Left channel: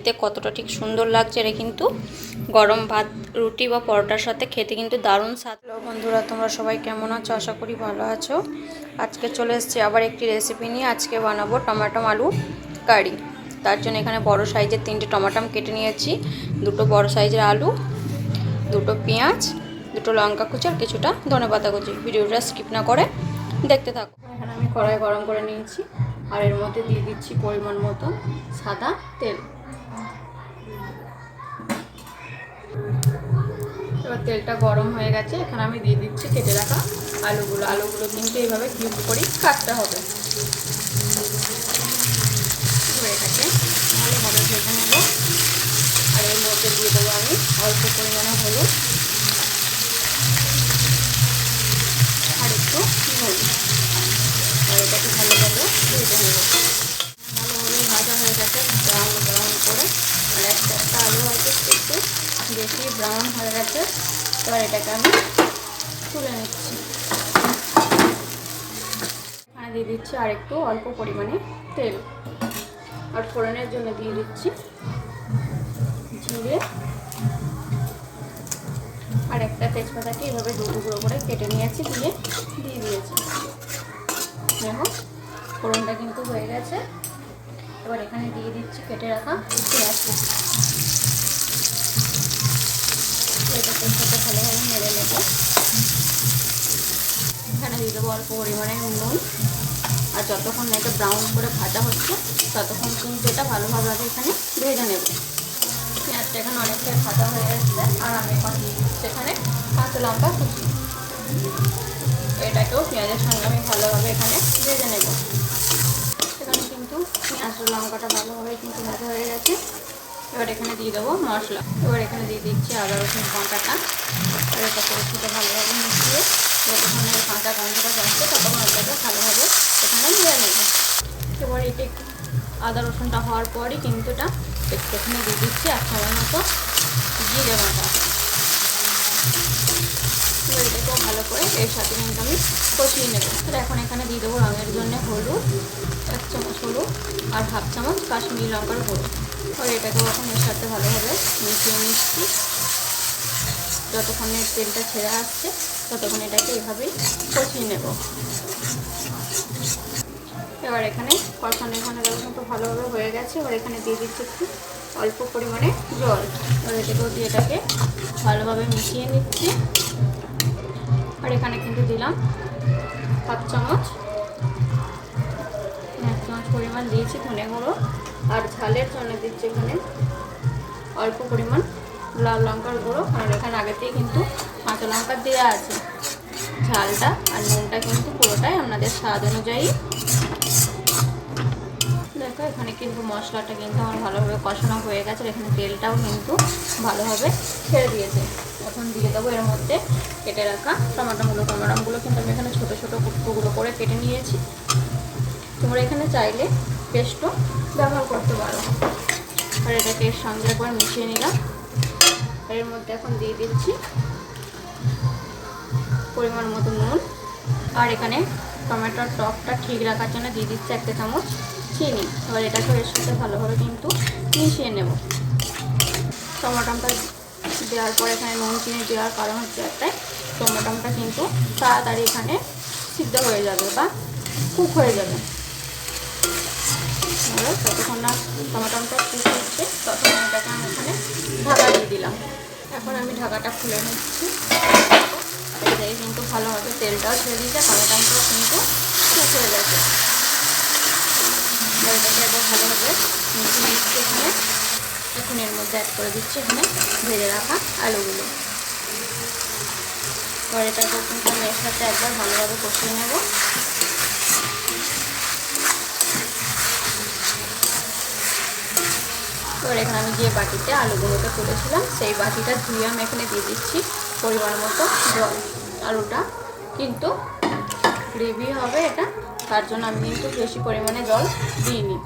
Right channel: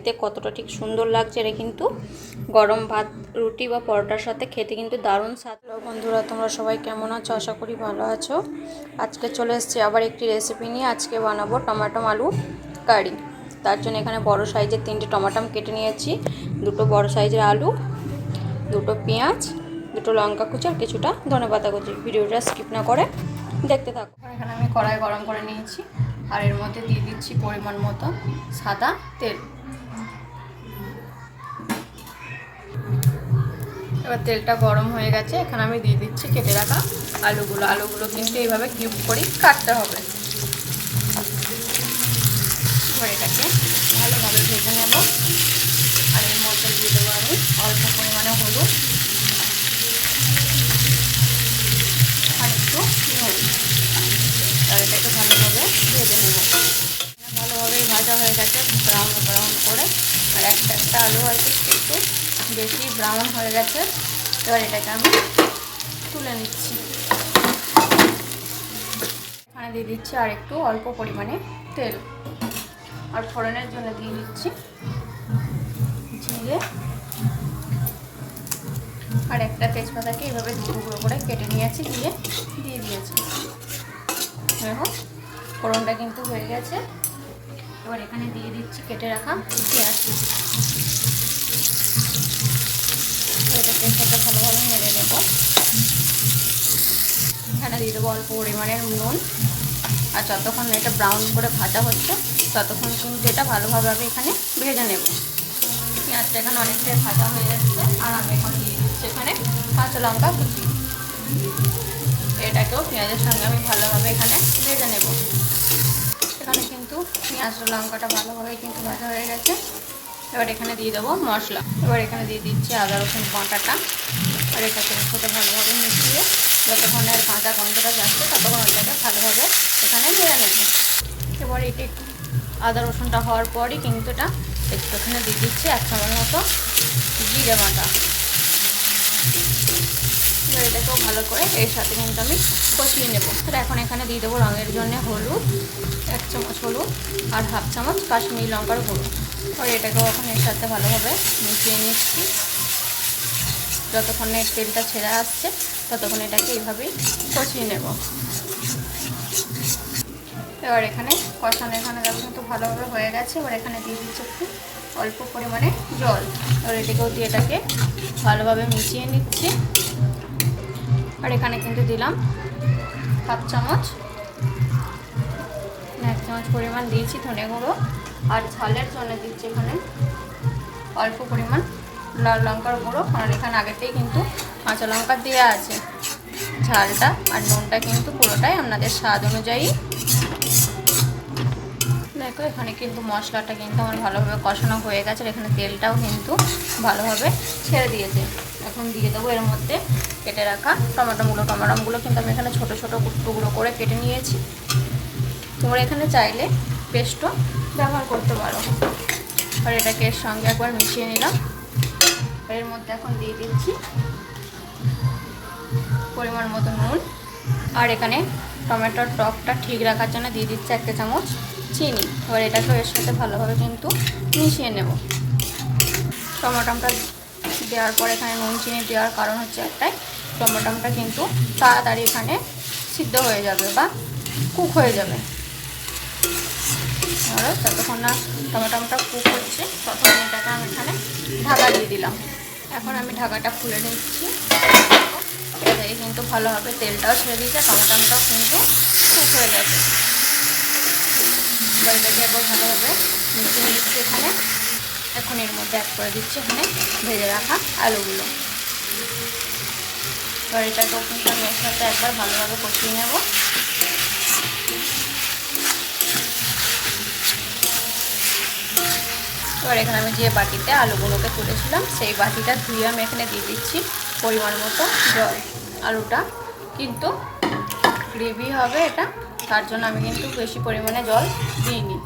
দেখতে কতটা ঠিক সুন্দর লাগছে। এটা কিন্তু গরম ভাত, রুটি বা পরোটার সাথে খেতে কিন্তু দারুণ স্বাদ। হ্যালো বন্ধুরা, তোমরা সবাই কেমন আছো? আশা করি ভালো আছো। আজকে চলে এসেছি আবার একটি রেসিপি নিয়ে। আজকে বানাবো টমাটো আলু কারি। তার জন্য এখানে বড় সাইজের 3টে টমাটো কেটে নিয়েছি, 2টো বড় সাইজের আলু, 2টো পেঁয়াজ, 2টো লঙ্কা কুচি আর কিছুটা ধনেপাতা কুচি। ভিডিওটা স্কিপ না করে দেখতে থাকো। এখানে আমি কড়াই গরম করে নিয়েছি আর এর মধ্যে দিয়ে দিচ্ছি পরিমাণ মতো সাদা তেল। এবার তেলটা গরম হয়ে গেছে, এখানে আমি দিয়ে দিচ্ছি কেটে রাখা আলুগুলো কিন্তু এইভাবে কিউব করে কাটতে হবে। এবার এটাকে ভালোভাবে ভেজে নেব আর এর মধ্যে দিয়ে দেবো আমি অল্প পরিমাণে হলুদ আর একটু নুন, আর এটাকে ভালোভাবে ভেজে নেব। ভালোভাবেই ভাজা হয়ে গেছে ব্রাউন ব্রাউন করে, আর একটা আলু হয়তো একটু বেশি ব্রাউন হয়ে গেছে। এবার এটাকে আমি তুলে নিচ্ছি। এখানে দিয়ে দিচ্ছি আর একটু অল্প পরিমাণে তেল, আর ফোড়নের জন্য দিয়ে দিচ্ছি জিরে আর একটা তেজপাতাকে এভাবে টুকরো করে কেটে নিয়েছি, দিয়ে দিয়েছি। দেখো ফোড়নটা কিন্তু হয়ে গেছে। এবার এখানে দিয়ে দিচ্ছি কেটে রাখা পেঁয়াজ। ভালোভাবে নেড়ে নেব। এখানে দিয়ে দেবো অল্প পরিমাণে নুন, আর যতক্ষণ এটা ব্রাউন করে ভাজা হচ্ছে ততক্ষণ কিন্তু এটা ভালোভাবে আমি এখানে ভেজে নেব। পেঁয়াজটা এখানে অনেকটাই ভাজা হয়ে যাচ্ছে, আর আমি এখন দিয়ে দিচ্ছি এখানে কাঁচা লঙ্কা কুচি। এটাকেও পেঁয়াজের সঙ্গে আমি ভালোভাবে এখানে ভেজে নেব। এখানে কিন্তু পেঁয়াজ লঙ্কাটা ভালোভাবে কিন্তু ভাজা হয়ে গেছে। এবার এখানে দিয়ে দেবো মশলা। এবার এখানে দিয়ে দিচ্ছি আদা রসুন বাটাটা, আর এটাকে ভালোভাবে মিশিয়ে যতক্ষণ এর কাঁচা গন্ধটা যাচ্ছে ততক্ষণ এটাকে ভালোভাবে এখানে ভেজে নেব। এবার এটি আদা রসুনটা হওয়ার পরই কিন্তু এটা এখানে দিয়ে দিচ্ছি 1 চামচ মতো জিরে বাটা। এবার এটাকেও ভালো করে এর সাথে কিন্তু আমি কষিয়ে নেব। এখন এখানে দিয়ে দেবো রঙের জন্য হলুদ, 1 চামচ হলুদ আর 1/2 চামচ কাশ্মীরি লঙ্কার গুঁড়ো। এবার এটাকেও এখন এর সাথে ভালোভাবে মিশিয়ে নিচ্ছি। যতক্ষণ এর তেলটা ছেড়ে আসছে ততক্ষণ এটাকে এইভাবেই কষিয়ে নেব। এবার এখানে কষানো কিন্তু ভালোভাবে হয়ে গেছে। এবার এখানে দিয়ে দিচ্ছি একটু অল্প পরিমাণে জল। এবার এটাকেও দিয়ে এটাকে ভালোভাবে মিশিয়ে নিচ্ছি। আর এখানে কিন্তু দিলাম 1 চামচ পরিমাণ দিয়েছি ধনে গুঁড়ো, আর ঝালের জন্য দিচ্ছি এখানে অল্প পরিমাণ লাল লঙ্কার গুঁড়ো। আর এখানে আগেতেই কিন্তু কাঁচা লঙ্কা দেওয়া আছে। ঝালটা আর নুনটা কিন্তু পুরোটাই আপনাদের স্বাদ অনুযায়ী। দেখো এখানে কিন্তু মশলাটা কিন্তু আমার ভালোভাবে কষানো হয়ে গেছে। এখানে তেলটাও কিন্তু ভালোভাবে ছেড়ে দিয়েছে। এখন দিয়ে দেবো এর মধ্যে কেটে রাখা টমাটোগুলো কিন্তু আমি এখানে ছোটো ছোটো টুকরো করে কেটে নিয়েছি। তোমরা এখানে চাইলে পেস্টও ব্যবহার করতে পারো। আর এটাকে এর সঙ্গে একবার মিশিয়ে নিলাম। এর মধ্যে এখন দিয়ে দিচ্ছি পরিমাণ মতো নুন, আর এখানে টমেটোর টকটা ঠিক রাখার জন্য দিয়ে দিচ্ছি 1 চামচ চিনি। এবার এটাকে এর সাথে ভালোভাবে কিন্তু মিশিয়ে নেব। টমেটোটা দেওয়ার পর এখানে নুন চিনি দেওয়ার কারণ হচ্ছে একটাই, টমেটোটা কিন্তু তাড়াতাড়ি এখানে সিদ্ধ হয়ে যাবে বা কুক হয়ে যাবে। ততক্ষণ না টমেটোটা কুক হচ্ছে ততক্ষণ এটাকে আমি এখানে ঢাকা দিয়ে দিলাম। এখন আমি ঢাকাটা খুলে নিচ্ছি। এটাকে কিন্তু ভালোভাবে তেলটাও ছেড়ে দিয়েছে, টমেটোটাও কিন্তু কুক হয়ে যাবে। এটাকে একবার ভালোভাবে মিশিয়ে নিচ্ছি এখানে। এখন এর মধ্যে অ্যাড করে দিচ্ছি এখানে ভেজে রাখা আলুগুলো। এবার এটাকেও কিন্তু আমি এর সাথে একবার ভালোভাবে কষিয়ে নেব। এবার এখানে আমি যে বাটিতে আলুগুলোকে তুলেছিলাম সেই বাটিটা ধুয়ে আমি এখানে দিয়ে দিচ্ছি পরিমাণ মতো জল। আলুটা কিন্তু গ্রেভি হবে এটা, তার জন্য আমি কিন্তু বেশি পরিমাণে জল দিইনি।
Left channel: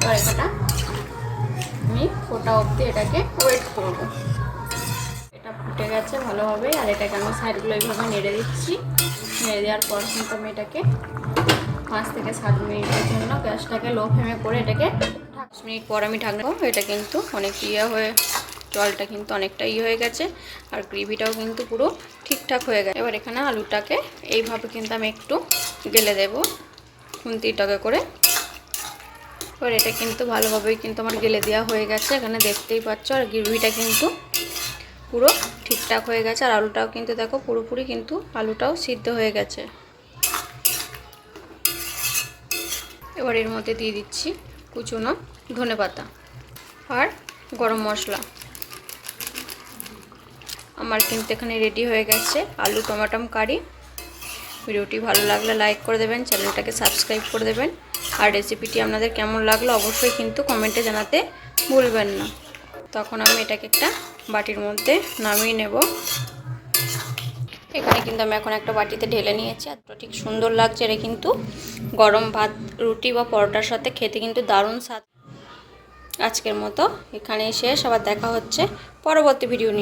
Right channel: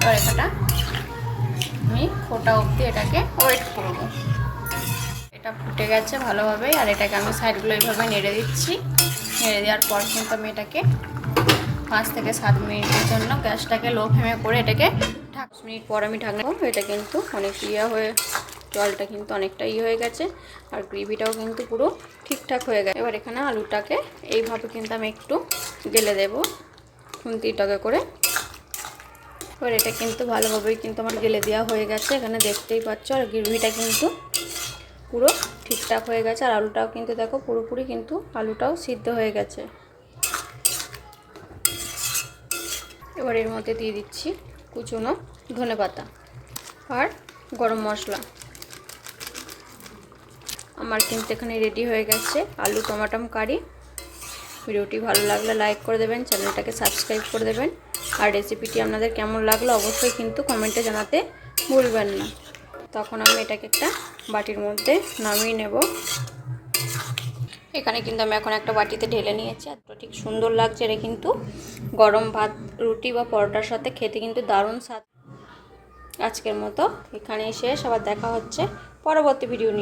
এবার এটা আমি ফোটা অবধি এটাকে ওয়েট করব। এটা ফুটে গেছে ভালোভাবে, আর এটাকে আমি সাইডগুলো এইভাবে নেড়ে দিচ্ছি। নেড়ে দেওয়ার পর কিন্তু আমি এটাকে 5 থেকে 7 মিনিটের জন্য গ্যাসটাকে লো ফ্লেমে করে এটাকে ঢাকা 5 মিনিট পর আমি ঢাকনা, এটা কিন্তু অনেক জলটা কিন্তু অনেকটা হয়ে গেছে আর গ্রেভিটাও কিন্তু পুরো ঠিকঠাক হয়ে গেছে। এবার এখানে আলুটাকে এইভাবে কিন্তু আমি একটু গেলে দেব খুন্তিটাকে করে। এবার এটা কিন্তু ভালোভাবেই কিন্তু আমার গেলে দেওয়া হয়ে গেছে, এখানে দেখতেই পাচ্ছ। আর গ্রেভিটা কিন্তু পুরো ঠিকঠাক হয়ে গেছে আর আলুটাও কিন্তু দেখো পুরোপুরি কিন্তু আলুটাও সিদ্ধ হয়ে গেছে। এবার এর মধ্যে দিয়ে দিচ্ছি কুচনো ধনেপাতা আর গরম মশলা। আমার কিন্তু এখানে রেডি হয়ে গেছে আলু টমাটম কারি। ভিডিওটি ভালো লাগলে লাইক করে দেবেন, চ্যানেলটাকে সাবস্ক্রাইব করে দেবেন। আর রেসিপিটি আপনাদের কেমন লাগলো অবশ্যই কিন্তু কমেন্টে জানাতে ভুলবেন না। তখন আমি এটাকে একটা বাটির মধ্যে নামিয়ে নেব। এখানে কিন্তু আমি এখন একটা বাটিতে ঢেলে নিয়েছি আর ঠিক সুন্দর লাগছে। এটা কিন্তু গরম ভাত, রুটি বা পরোটার সাথে খেতে কিন্তু দারুণ স্বাদ। আজকের মতো এখানেই শেষ, আবার দেখা হচ্ছে পরবর্তী ভিডিও নিয়ে।